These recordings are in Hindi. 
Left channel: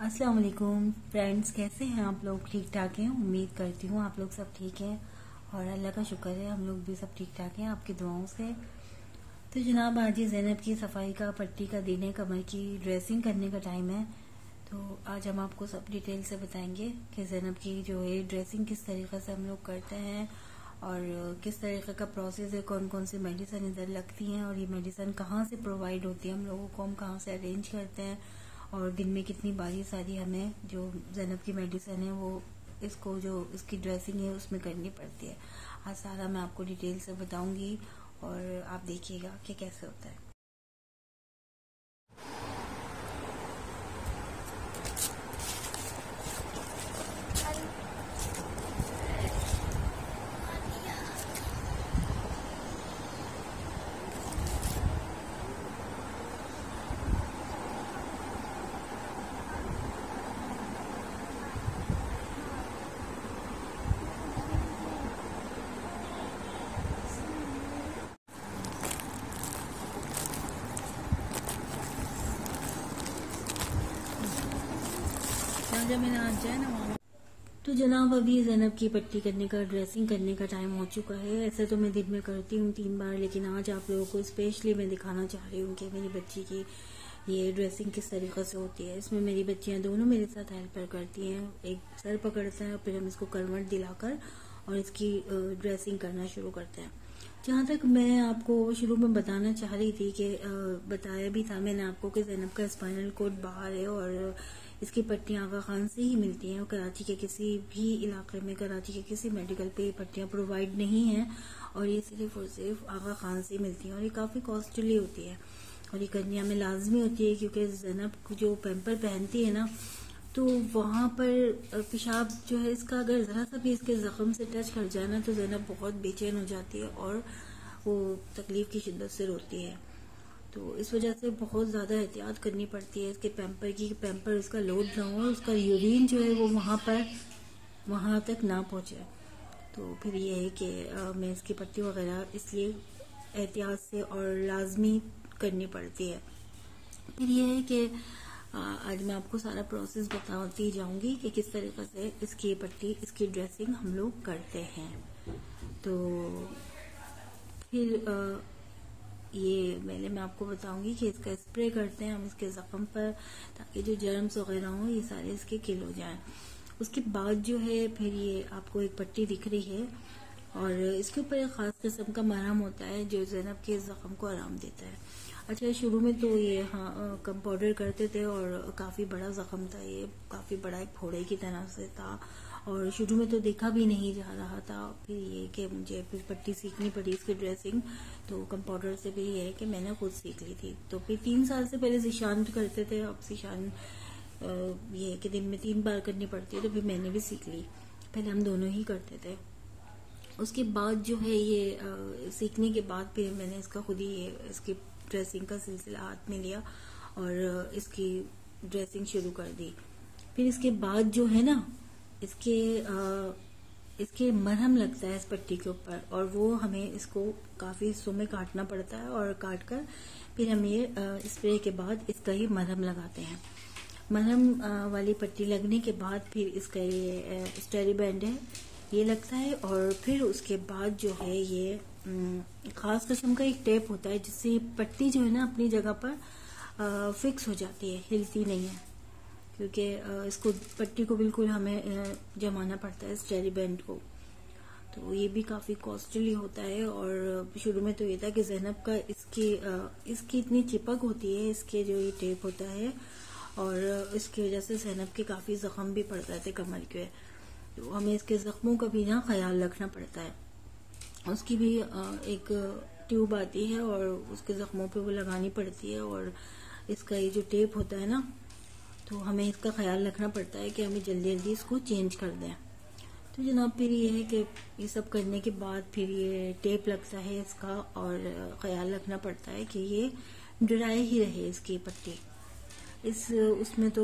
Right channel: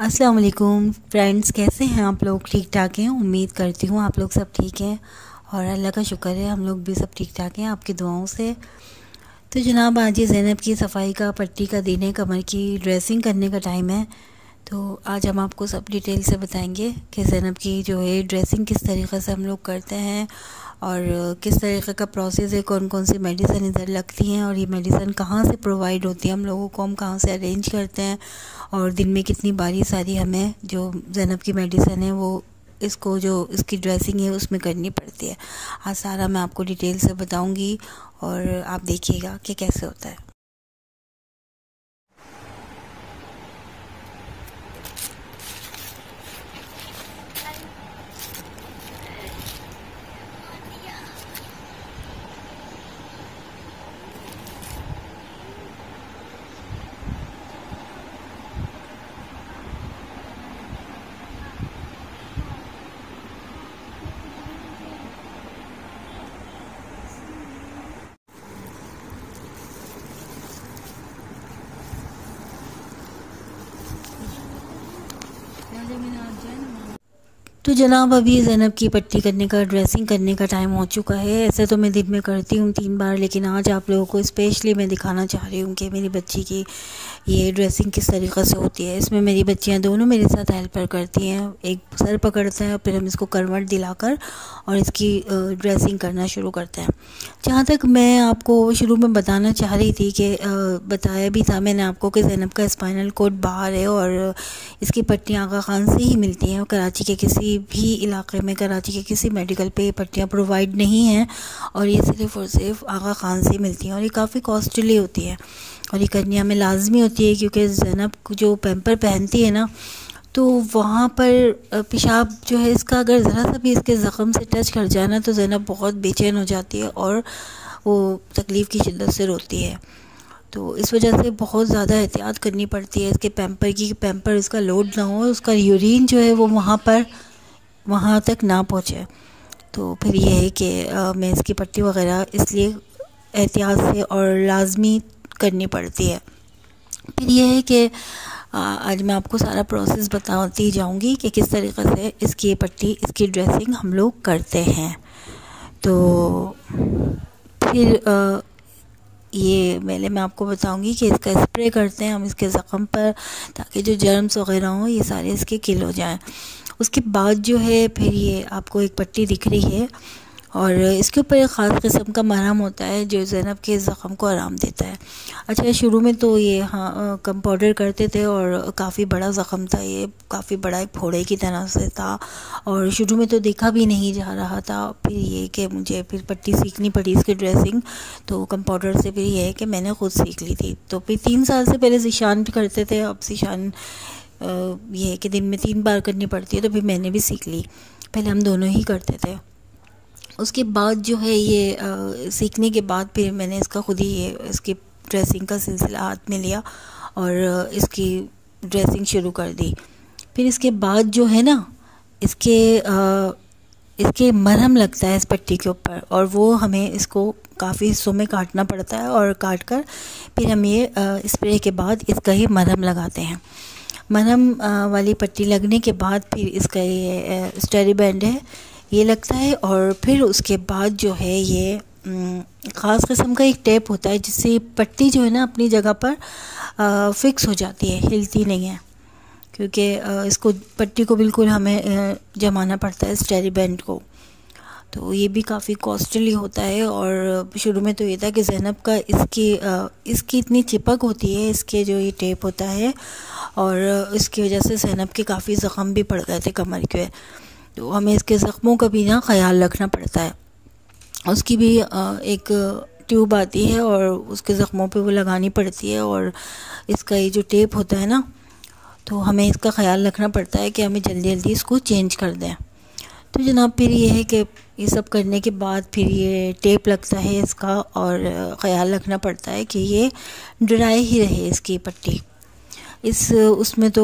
अस्सलाम वालेकुम फ्रेंड्स, कैसे हैं आप लोग? ठीक ठाक हैं? उम्मीद करती हूँ आप लोग सब ठीक हैं और अल्लाह का शुक्र है हम लोग भी सब ठीक ठाक हैं आपकी दुआओं से। तो जनाब, आज ये ज़ैनब की सफाई का, पट्टी का दिन है, कमर की ड्रेसिंग करने का टाइम है। तो आज हम आपको सब डिटेल से बताएंगे कि ज़ैनब की जो है ड्रेसिंग किस तरीक़े से हम लोग करते हैं और किस तरीक़े का प्रोसेस है, कौन कौन सी मेडिसिन इधर लगती हैं और ये मेडिसिन कहाँ से प्रोवाइड होती है हम लोगों को, हम कहाँ से अरेंज करते हैं और दिन में कितनी बारी सारी हमें जो ज़ैनब की मेडिसिन है वो इसको जो इसकी ड्रेसिंग है उसमें करनी पड़ती है। आज सारा मैं आपको डिटेल से बताऊंगी और आप देखिएगा कि कैसे होता है। तो जनाब, अभी ज़ैनब की पट्टी करने का, ड्रेसिंग करने का टाइम हो चुका है। ऐसे तो मैं दिन में करती हूँ 3 बार, लेकिन आज आप लोगों को स्पेशली मैं दिखाना चाह रही हूँ कि मेरी बच्ची की ये ड्रेसिंग किस तरीक़े से होती है। इसमें मेरी बच्चियाँ दोनों मेरे साथ हेल्पर करती हैं। एक सर पकड़ता है और फिर हम इसको करवट दिलाकर और इसकी ड्रेसिंग करना शुरू करते हैं। जहाँ तक मैं आपको शुरू में बताना चाह रही थी कि बताया भी था मैंने आपको कि ज़ैनब का स्पाइनल कॉर्ड बाहर है और इसकी पट्टियाँ आगा खान से ही मिलती हैं। कराची के किसी भी इलाके में, कराची के किसी मेडिकल पे ये पट्टियाँ प्रोवाइड नहीं हैं और ये सिर्फ़ और सिर्फ आगा खान से मिलती हैं और ये काफ़ी कॉस्टली होती है और ये करनी हमें लाजमी होती है, क्योंकि ज़ैनब जो पैम्पर पहनती है ना, तो वहाँ पर पेशाब जो है इसका अगर ज़रा सा भी इसके ज़ख़म से टच कर जाए ना तो ज़ैनब बहुत बेचैन हो जाती है और वो तकलीफ़ की शिद्दत से रोती है। तो इस वजह से बहुत ज़्यादा एहतियात करनी पड़ती है इसके पैम्पर की, पैम्पर इसका लोड ना हो, उसका यूरिन जो है वो वहाँ तक ना पहुँचे। तो फिर ये है कि मैं इसकी पट्टी वग़ैरह इसलिए एहतियात से और लाजमी करनी पड़ती है। फिर ये है कि आज मैं आपको सारा प्रोसेस बताती जाऊंगी कि किस तरीक़े से इसकी पट्टी, इसकी ड्रेसिंग हम लोग करते हैं। तो फिर ये पहले मैं आपको बताऊंगी कि इसका स्प्रे करते हैं हम इसके ज़ख़म पर, ताकि जो जर्म्स वग़ैरह हों ये सारे इसके किल हो जाएँ। उसके बाद जो है फिर ये आपको एक पट्टी दिख रही है और इसके ऊपर एक ख़ास किस्म का मरहम होता है जो ज़ैनब के ज़ख़म को आराम देता है। अच्छा, शुरू में तो ये कम पाउडर करते थे और काफ़ी बड़ा ज़ख़म था, ये काफ़ी बड़ा एक फोड़े की तरह से था और शुरू में तो देखा भी नहीं जा रहा था। फिर ये कि मुझे फिर पट्टी सीखनी पड़ी इसकी ड्रेसिंग, तो कम पाउडर से फिर ये है कि मैंने ख़ुद सीख ली थी। तो फिर 3 साल से पहले ज़ीशान करते थे, अब ज़ीशान ये है कि दिन में 3 बार करनी पड़ती है, तो फिर मैंने भी सीख ली। पहले हम दोनों ही करते थे। उसके बाद जो है ये सीखने के बाद फिर मैंने इसका खुद ही ये इसकी ड्रेसिंग का सिलसिला हाथ में लिया और इसकी ड्रेसिंग शुरू कर दी। फिर इसके बाद जो है ना, इसके मरहम लगता है इस पट्टी के ऊपर और वो हमें इसको काफ़ी हिस्सों में काटना पड़ता है और काट कर फिर हम ये स्प्रे के बाद इसका ही मरहम लगाते हैं। मरहम वाली पट्टी लगने के बाद फिर इसका ये स्टेरी बैंड है ये लगता है और फिर उसके बाद जो है ये ख़ास किस्म का एक टेप होता है जिससे पट्टी जो है ना अपनी जगह पर फ़िक्स हो जाती है, हिलती नहीं है, क्योंकि इसको पट्टी को बिल्कुल हमें जमाना पड़ता है स्टेरी बैंड को। तो ये भी काफ़ी कॉस्टली होता है और शुरू में तो ये था कि ज़ैनब का इसकी इतनी चिपक होती है, इसके जो ये टेप होता है, और इसकी वजह से ज़ैनब के काफ़ी ज़ख़म भी पड़ गए थे कमर के। तो हमें इसके ज़ख्मों का भी ना ख्याल रखना पड़ता है। उसकी भी एक ट्यूब आती है और उसके ज़ख्मों पे वो लगानी पड़ती है और इसका ये जो टेप होता है ना, तो हमें इसका ख्याल रखना पड़ता है कि हमें जल्दी जल्दी इसको चेंज कर दें। तो जनाब, फिर ये है कि ये सब करने के बाद फिर ये टेप लगता है इसका और ख़याल रखना पड़ता है कि ये ड्राई ही रहे इसकी पट्टी। उसमें तो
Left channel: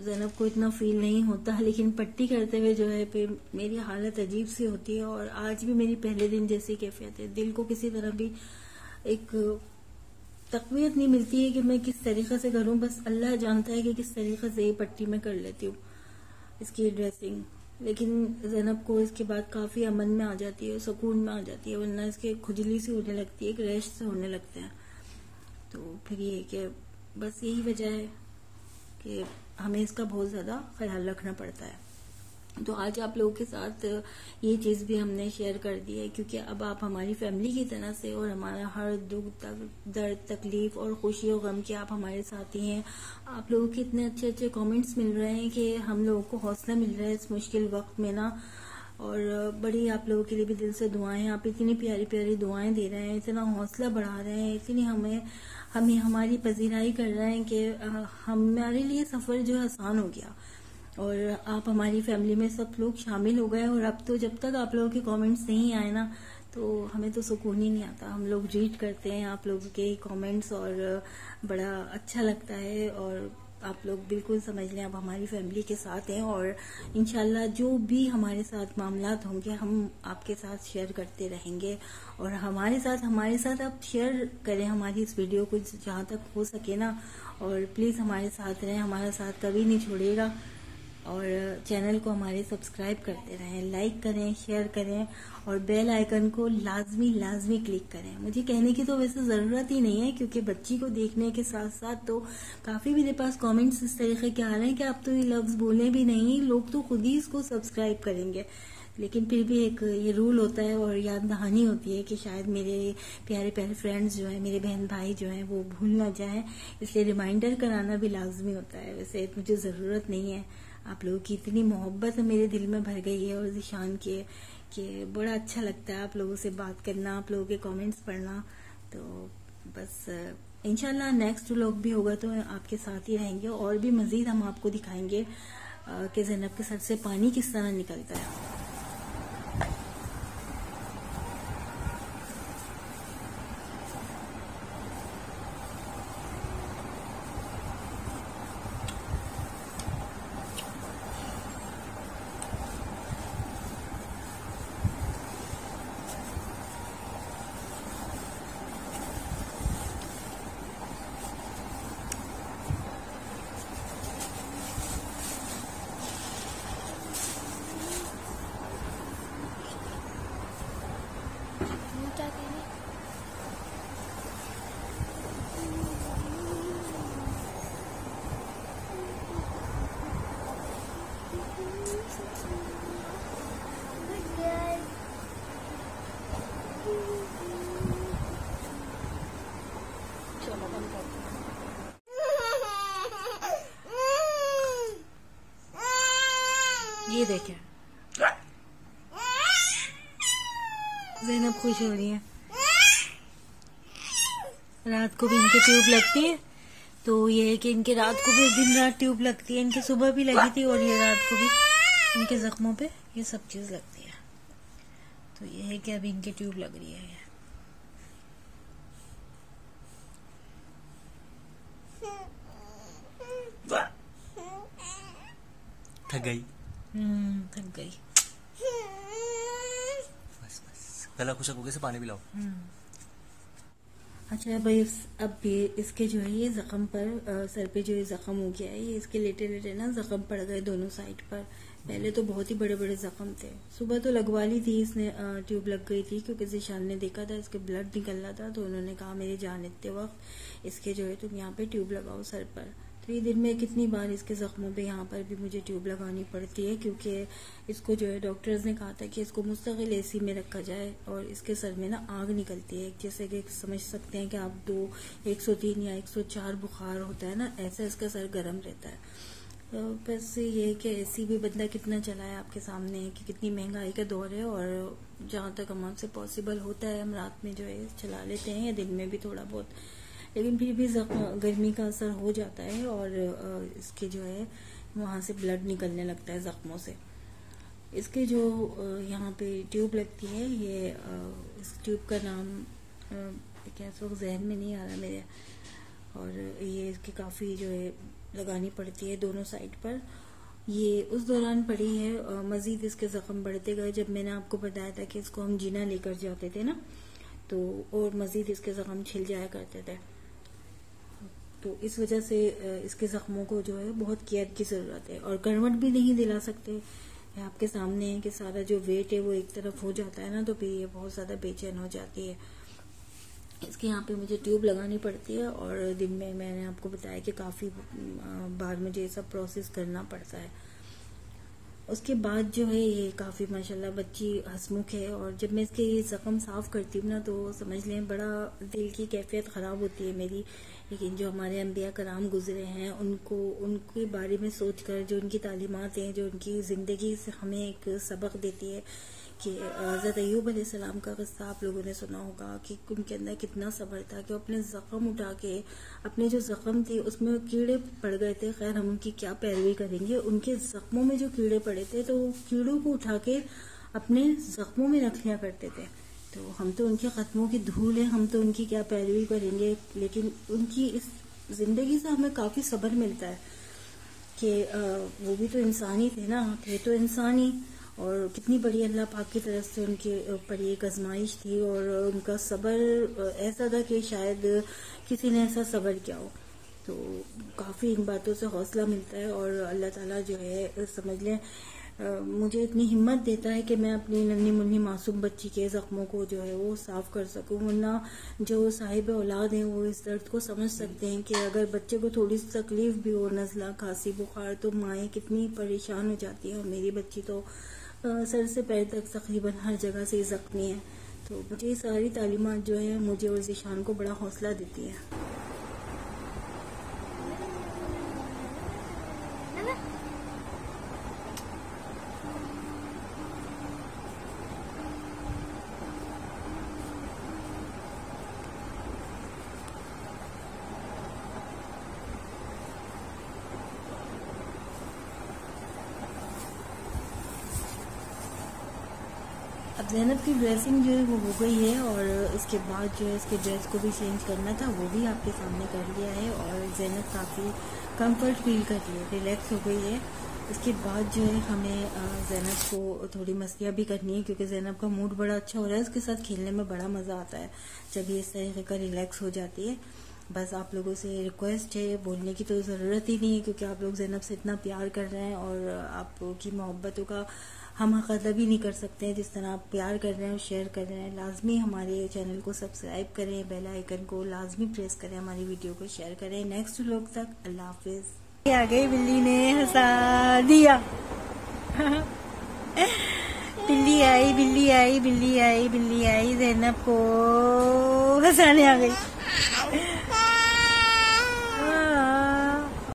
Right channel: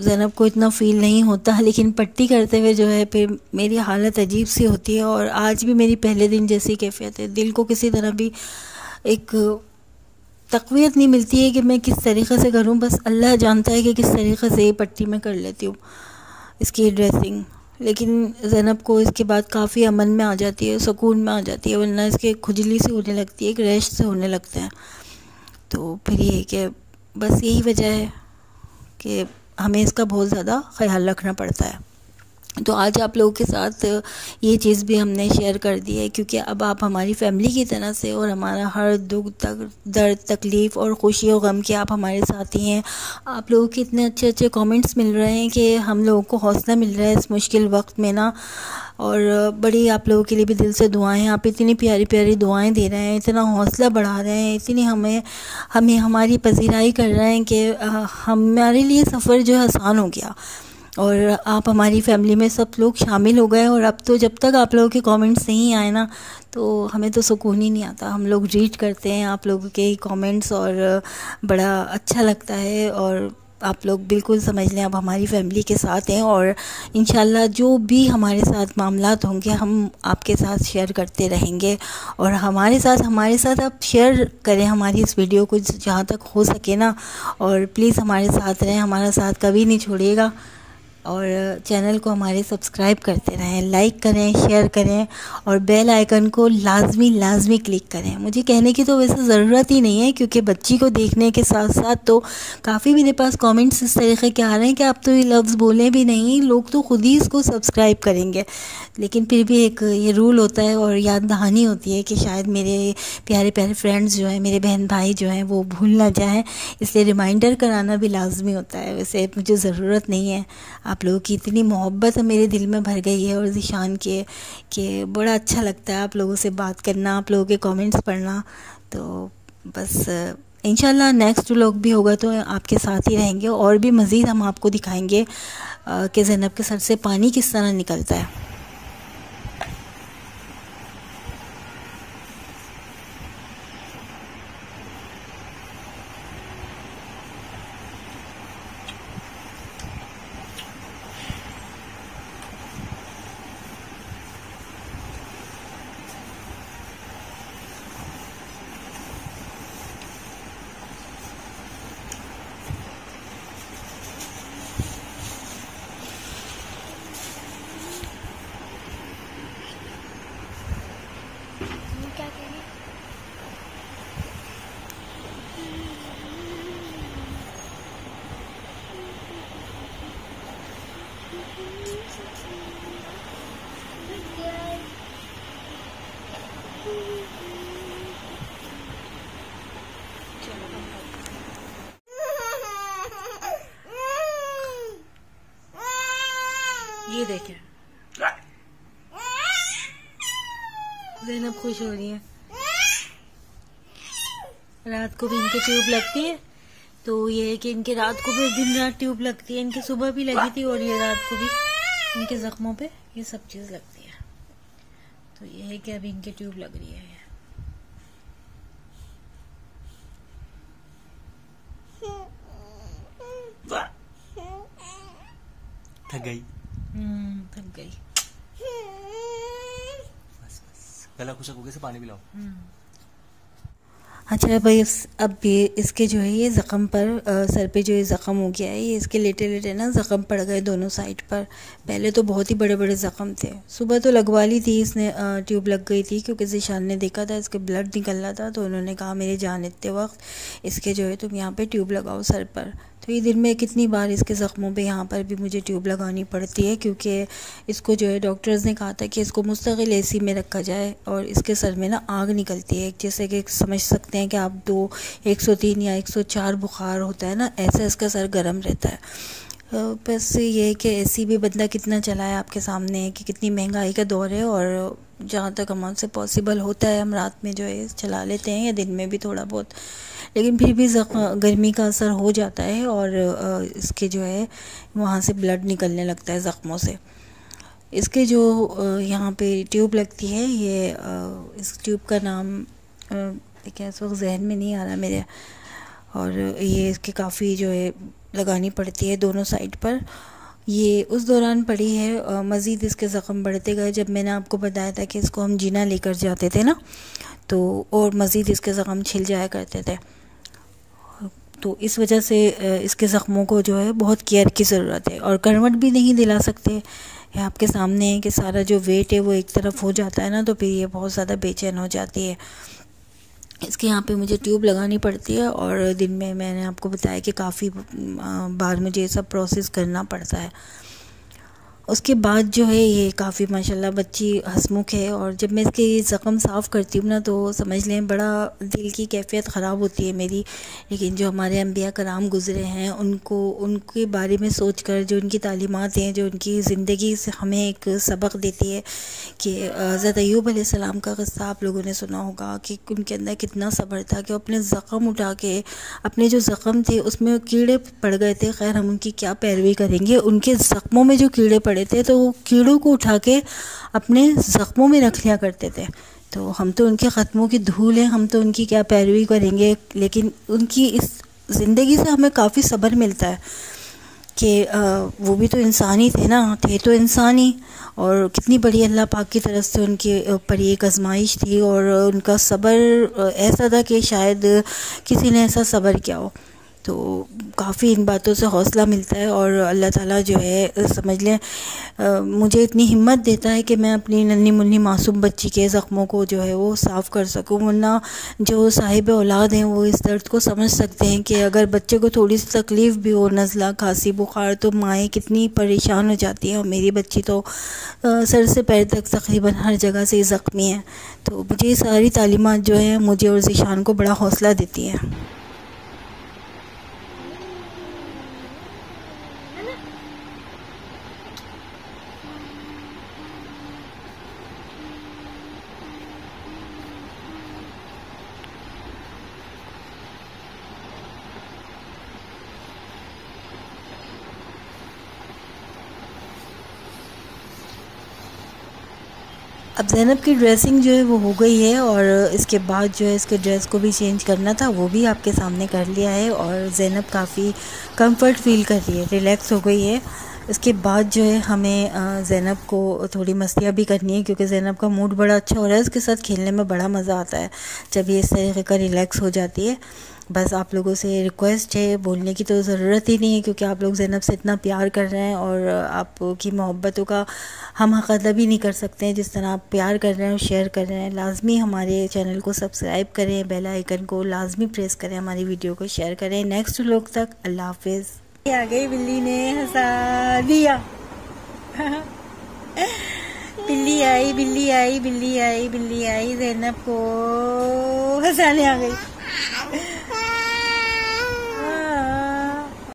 ज़ैनब को इतना फ़ील नहीं होता, लेकिन पट्टी करते हुए जो है फिर मेरी हालत अजीब सी होती है और आज भी मेरी पहले दिन जैसी कैफियत है। दिल को किसी तरह भी एक तक़वियत नहीं मिलती है कि मैं किस तरीक़े से करूं। बस अल्लाह जानता है कि किस तरीक़े से ये पट्टी मैं कर लेती हूँ, इसकी ड्रेसिंग। लेकिन ज़ैनब को इसके बाद काफ़ी अमन में आ जाती है, सुकून में आ जाती है, वरना इसके खुजली सी होने लगती है, एक रैश से होने लगते हैं। तो फिर ये कि बस यही वजह है कि हमें इसका बहुत ज़्यादा ख़याल रखना पड़ता है। तो आज आप लोगों के साथ ये चीज़ भी हमने शेयर कर दी है, क्योंकि अब आप हमारी फैमिली की तरह से, और हमारा हर दुख दर्द तकलीफ़ और खुशी और गम के आप हमारे साथ ही हैं। आप लोगों के इतने अच्छे अच्छे कमेंट्स मिल रहे हैं कि हम लोगों को हौसला मिल रहा है इस मुश्किल वक्त में ना। और बड़ी आप लोगों के लिए भी दिल से दुआएं, आप इतनी प्यारी प्यारी दुआएं दे रहे हैं, इतना हौसला बढ़ा रहे हैं, इतनी हमें हमारी पजीराई कर रहे हैं कि हमारे लिए सफ़र जो है आसान हो गया। और आप हमारी फैमिली में सब लोग शामिल हो गए। और अब तो जब तक आप लोगों के कमेंट्स नहीं आए ना, तो हमें तो सुकून ही नहीं आता। हम लोग रीड करते हैं आप लोगों के कमेंट्स और बड़ा अच्छा लगता है। और आप लोग बिल्कुल समझ लें, आप हमारी फैमिली के साथ हैं, और इंशाल्लाह जो भी हमारे साथ मामलात होंगे हम आपके साथ शेयर करते रहेंगे। और हमारे साथ आप शेयर करें हमारी इस वीडियो को जहाँ तक हो सके ना, और प्लीज़ हमारे साथ रहें, हमारा साथ कभी नहीं छोड़िएगा। और चैनल को हमारे सब्सक्राइब करते रहें, लाइक करें, शेयर करें, और बेल आइकन को लाजमी क्लिक करें। मुझे कहने की तो वैसे ज़रूरत ही नहीं है, क्योंकि बच्ची को देखने के साथ साथ तो काफ़ी मेरे पास कमेंट्स इस तरीके के आ रहे हैं कि आप तो ये लफ्ज़ बोलें भी नहीं, लोग तो ख़ुद ही इसको सब्सक्राइब करेंगे। लेकिन फिर भी एक ये रूल होता है और याद दहानी होती है कि शायद मेरे प्यारे प्यारे फ्रेंड्स जो हैं, मेरे बहन भाई जो हैं, वो भूल ना जाएं, इसलिए रिमाइंडर कराना भी लाजमी होता है। वैसे मुझे ज़रूरत नहीं है, आप लोगों की इतनी मोहब्बत मेरे दिल में भर गई है और ज़ीशान के कि बड़ा अच्छा लगता है आप लोगों से बात करना, आप लोगों के कमेंट्स पढ़ना। तो बस इंशाल्लाह नेक्स्ट व्लॉग भी होगा तो आपके साथ ही रहेंगे, और भी मज़ीद हम आपको दिखाएंगे कि ज़ैनब के सर से पानी किस तरह निकलता है। क्या करें? ये देखें, ज़ैनब खुश हो रही है। रात को भी इनके ट्यूब लगती है, तो ये है कि इनके रात को भी दिन रात ट्यूब लगती है। इनके सुबह भी लगी थी और ये रात को भी इनके जख्मों पे ये सब चीज़ लगती है। तो ये है कि अभी इनके ट्यूब लग रही है। थक गई। थक गई। बस गला खुशक हो गया से पानी पिलाओ। अच्छा भाई, अब ये इसके जो है ये ज़ख़म पर सर पे जो ये ज़ख़म हो गया है, ये इसके लेटे लेटे ना ज़ख़म पड़ गए दोनों साइड पर। पहले तो बहुत ही बड़े बड़े ज़ख़म थे। सुबह तो लगवा ली थी इसने, ट्यूब लग गई थी, क्योंकि ज़ीशान ने देखा था इसके ब्लड निकल रहा था, तो उन्होंने कहा मेरे जान इतने वक्त इसके जो है तुम यहाँ पे ट्यूब लगाओ सर पर। तो ये दिन में कितनी बार इसके ज़ख्मों पे यहाँ पर भी मुझे ट्यूब लगानी पड़ती है, क्योंकि इसको जो है डॉक्टर्स ने कहा था कि इसको मुस्तकिल एसी में रखा जाए, और इसके सर में ना आग निकलती है। जैसे कि समझ सकते हैं कि आप 103 या 104 बुखार होता है ना, ऐसा इसका सर गर्म रहता है। बस ये है कि एसी भी बंदा कितना चलाए, आपके सामने है कि कितनी महंगाई का दौर है, और जहाँ तक हमसे पॉसिबल होता है हम रात में जो है चला लेते हैं, या दिन में भी थोड़ा बहुत, लेकिन फिर भी गर्मी का असर हो जाता है, और इसके जो है वहाँ से ब्लड निकलने लगता है ज़ख्मों से। इसके जो यहाँ पे ट्यूब लगती है, ये इस ट्यूब का नाम क्या इस वक्त जहन में नहीं आ रहा मेरे, और ये इसके काफ़ी जो है लगानी पड़ती है दोनों साइड पर। ये उस दौरान पड़ी है, मज़ीद इसके ज़ख़म बढ़ते गए। जब मैंने आपको बताया था कि इसको हम जीना लेकर जाते थे ना, तो और मज़ीद इसके ज़ख़म छिल जाया करते थे। तो इस वजह से इसके ज़ख्मों को जो है बहुत केयर की ज़रूरत है। और करवट भी नहीं दिला सकते, ये आपके सामने है कि सारा जो वेट है वो एक तरफ हो जाता है ना, तो फिर ये बहुत ज़्यादा बेचैन हो जाती है। इसके यहाँ पे मुझे ट्यूब लगानी पड़ती है और दिन में मैंने आपको बताया कि काफ़ी बार मुझे ये सब प्रोसेस करना पड़ता है। उसके बाद जो है ये काफ़ी माशाल्लाह बच्ची हंसमुख है। और जब मैं इसके ज़ख़म साफ़ करती हूँ ना, तो समझ लें बड़ा दिल की कैफियत ख़राब होती है मेरी। लेकिन जो हमारे अंबिया कराम गुज़रे हैं, उनके बारे में सोच कर, जो उनकी तालीमात हैं, जो उनकी ज़िंदगी से हमें एक सबक देती है कि हज़रत अय्यूब अलैहिस्सलाम का क़स्सा आप लोगों ने सुना होगा कि उनके अंदर कितना सब्र था कि वो अपने ज़ख़म उठा के, अपने जो ज़ख़म थे उसमें कीड़े पड़ गए थे। खैर हम उनकी क्या पैरवी करेंगे, उनके ज़ख़मों में जो कीड़े पड़े थे तो वो कीड़ों को उठा के अपने ज़ख़मों में रख लिया करते थे। तो हम तो उनके ख़त्मों की धूल हैं, हम तो उनकी क्या पैरवी करेंगे। लेकिन उनकी इस ज़िंदगी से हमें काफ़ी सब्र मिलता है कि वो भी तो इंसान ही थे ना, थे तो इंसान ही। और कितनी बड़ी अल्लाह पाक की तरफ से उनके ऊपर एक आजमाइश थी और उनका सब्र ऐसा था कि शायद किसी ने ऐसा सब्र किया हो। तो काफ़ी इन बातों से हौसला मिलता है और अल्लाह ताला जो है समझ लें मुझे इतनी हिम्मत देता है कि मैं अपनी नन्ही मुन्नी मासूम बच्ची के ज़ख्मों को जो है वो साफ़ कर सकूं। वरना जो साहिब औलाद हैं वो इस दर्द को समझ सकते हैं कि अगर बच्चे को थोड़ी सी तकलीफ़ भी हो, नज़ला, खांसी, बुखार, तो माएँ कितनी परेशान हो जाती हैं। और मेरी बच्ची तो सर से पैर तक तकरीबन हर जगह से ज़ख्मी है। तो मुझे ये सारी तालीमात जो है मुझे और ज़ीशान को बड़ा हौसला देती हैं। अब ज़ैनब की ड्रेसिंग जो है वो हो गई है और इसके बाद जो है इसके ड्रेस को भी चेंज करना था, वो भी आपके सामने कर लिया है। और ज़ैनब काफ़ी कंफर्ट फील कर रही है, रिलैक्स हो गई है। इसके बाद जो है हमें ज़ैनब को थोड़ी मस्तियाँ भी करनी है, क्योंकि ज़ैनब का मूड बड़ा अच्छा हो रहा है। उसके साथ खेलने में बड़ा मज़ा आता है जब ये इस तरीके का रिलैक्स हो जाती है। बस आप लोगों से रिक्वेस्ट है, बोलने की तो ज़रूरत ही नहीं है क्योंकि आप लोग ज़ैनब से इतना प्यार कर रहे हैं और आपकी मोहब्बतों का हम हक़ अदा भी नहीं कर सकते हैं जिस तरह आप प्यार कर रहे हैं और शेयर कर रहे हैं। लाजमी हमारे चैनल को सब्सक्राइब करें, बेल आइकन को लाजमी प्रेस करें, हमारी वीडियो को शेयर करें। नेक्स्ट व्लॉग तक अल्लाह हाफिज़। आ गई बिल्ली ने हंसा दिया बिल्ली आई, बिल्ली आई, बिल्ली आई, बिल्ली आई, ज़ैनब को हंसाने आ गई।